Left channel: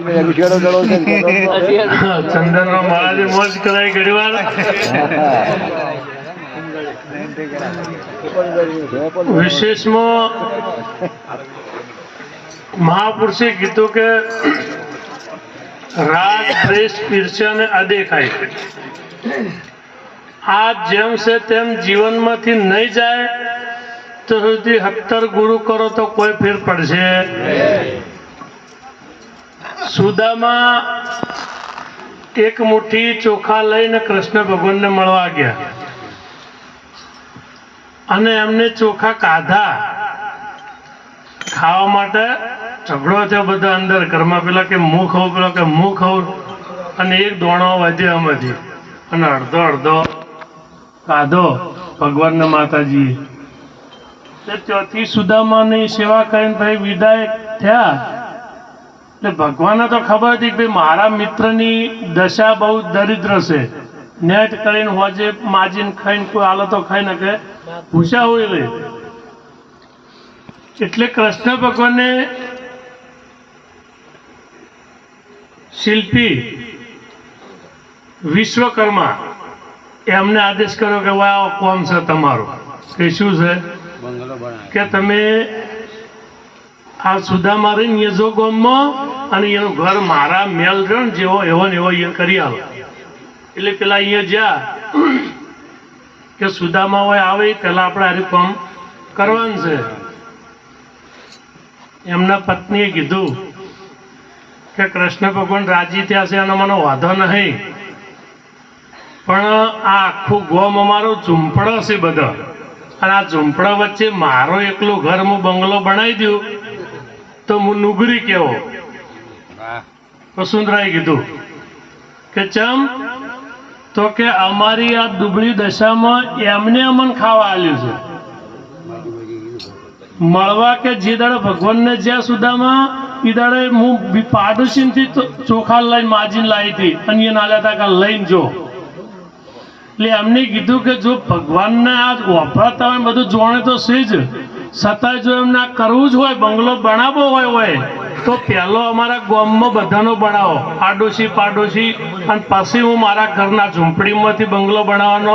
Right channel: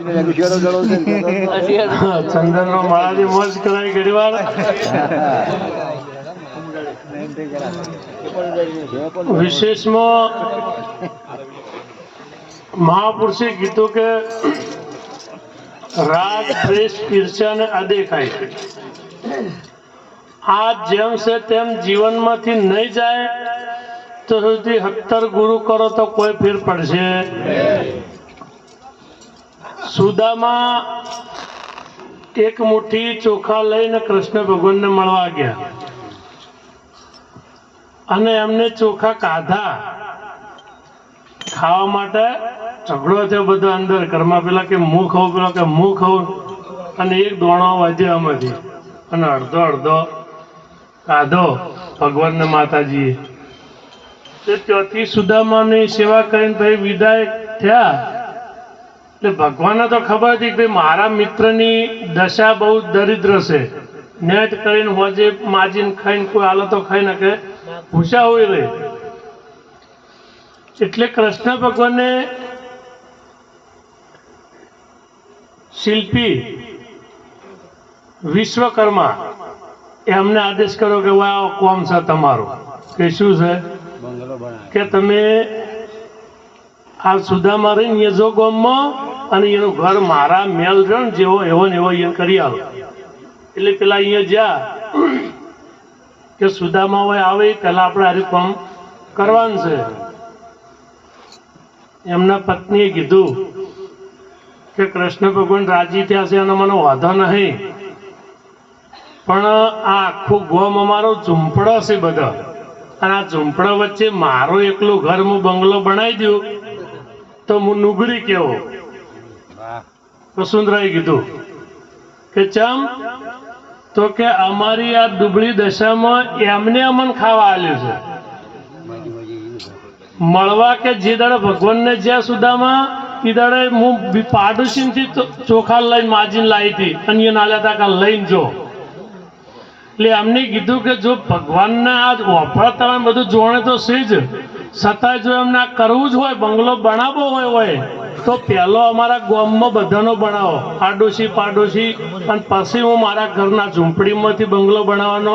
ચંદન નો માળાથી મોજ કરાય ઘણી વાર. વિશેષમાં મહાપુરુષે કીધું કે રાગ દ્વેષ ઈર્ષ્યા ને અદેખાય આ જેમ છે તેમ જીવનમાંથી નહીં જાય તો સુધી 70 ગુરુ કરો તો કોઈ ફેર પડશે. સુદામા એક મુઠ્ઠી ચોખા લઈને કૃષ્ણ ભગવાનને મળવા ગયા અને એમને ચોખા ખાધા. ખાવા માટે ઝઘડો થયો બધા અંદર ઘરમાં, પેલા કે હું ખાઉં, પેલા કે હું ખાઉં, અને એક દોણો વધ્યો આમાંથી અને અડધો અડધો ખાધો ભગવાનના માતાજીએ. ત્યાંથી સુદામાની સેવા કરીને ભાઈ વિદાય થયા. એટલે ભગવાનને તો ખબર હતી કે મારા મિત્રની દશા બહુ દરિદ્ર છે, નેટ કરીને હોજે માજીને ખાઈને કોઈ હાલતો ખાઈ નાખે, ભૂસા હોય રે. એટલે કૃષ્ણ ભગવાને શિલ્પી વિશ્વકર્મા એમને આદેશ કર્યો કે આ કોમ છે તમારો, કે શું છે કે તમે આ સુદામા રહીને જો ગામમાં અને એનું ઘર મારા મેલ રહ્યો ને જેવો એવો ને એવો એ કરી આવો. એટલે પેલા અહીંયા જ્યાં કે સુદામા હોય આવે પેલા આપણે આરું કામ કરવાનું છે. એમના પત્નીએ કીધું કે કૃષ્ણ ભગવાન રાજી થયા છે અને મને વાંધો નહીં, પણ આ આખું ગોમ અમારો ઝૂંપડો છે બધા, અને આ ઝૂંપડા વચ્ચે મારો એકલું ઘર હું બંગલો બનાવી દઉં તો હું નુગરી કેવો. વસુંધરાએ કીધું કે ચમ, તો કે અમારી આ દુબળી દશામાં એમને અમને ખાવા આલ્યું છે. મળવા કે જે દાડે ભગવાનને જ્યાં સુદામાં એ દાડે હું પાડોશીથી ચોખા લઈને માજીને લાવી હતી અને એ નાલ્યા હતા કે લઈને જો. એટલે એમને કીધું કે જો ભગવાનને આ વફાતા હોય બધું જોણે તો છે જ, છતાંય જો એમને આ કરવું જ હોય, બંગલો બનાવવો હોય તો પહેલો અમારા ગામમાં બધાનો બનાવો, પાડોશી, અને પછી હું મારા ઘરના ઝૂંપડીમાંથી બંગલો બનાવવાનો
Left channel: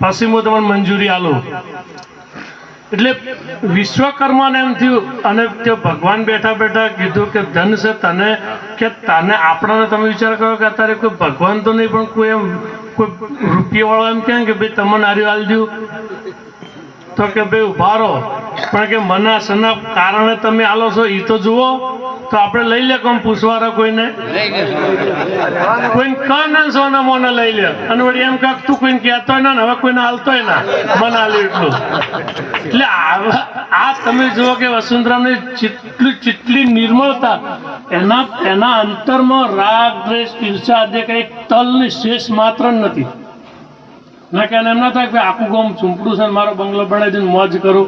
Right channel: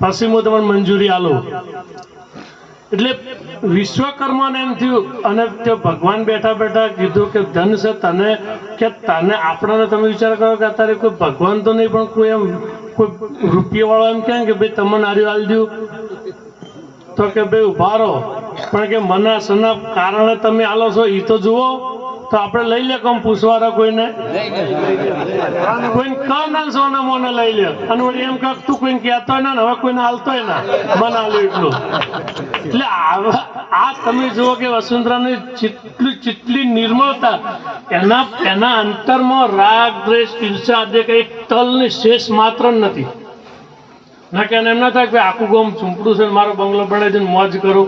પછી હું તમને મંજૂરી આલું. એટલે વિશ્વકર્માને એમ થયું, અને તે ભગવાન બેઠા બેઠા કીધું કે ધન છે તને, કે તને આપણને તમે વિચાર કરો કે અત્યારે કોઈ ભગવાન તો નહીં પણ કોઈ એમ કોઈ રૂપિયાવાળો એમ કહે કે ભાઈ તમને આર્યું હાલ દઉં, તો કે ભાઈ ઉભા રહો, પણ કે મને શના કારણે તમે આલો છો એ તો જુઓ. તો આપણે લઈ લે કોમ પૂછવાના કોઈને ના સોના મોને લઈ લે, અને વળી એમ કાક તું કોઈને કહેતો ના હવે કોઈને હાલતોય ના મને હાલ્યું એટલું. એટલે આ તમે જુઓ કે વસુંધરાની જેટલી નિર્મળતા, એના અંતરમાં રાગ દ્વેષ ઈર્ષા દે એક તલની શેષ માત્ર નથી. ના કે એમ ના થાય કે આખું ગામ ઝૂંપડું છે મારો બંગલો બનાવી દઈને મોજ કરો,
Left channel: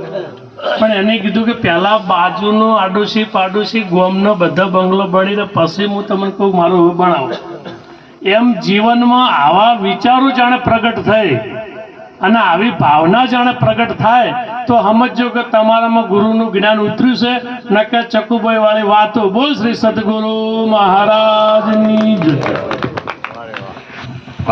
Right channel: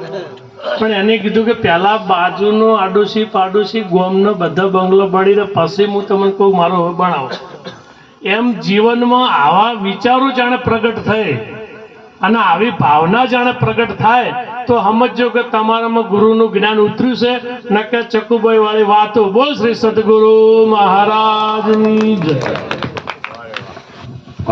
પણ એને કીધું કે પહેલા બાજુનો પાડોશી ગામનો બધા બંગલો બની દે પછી હું તમને કહું મારું બનાવો. એમ જીવનમાં આવા વિચારો જાણે પ્રગટ થાય અને આવી ભાવના જાણે પ્રગટ થાય તો સમજો કે તમારામાં ગુરુનું જ્ઞાન ઉતર્યું છે. ન કે ચકુભાઈ વાળી વાતો. બોલ શ્રી સદગુરુ મહારાજની જય.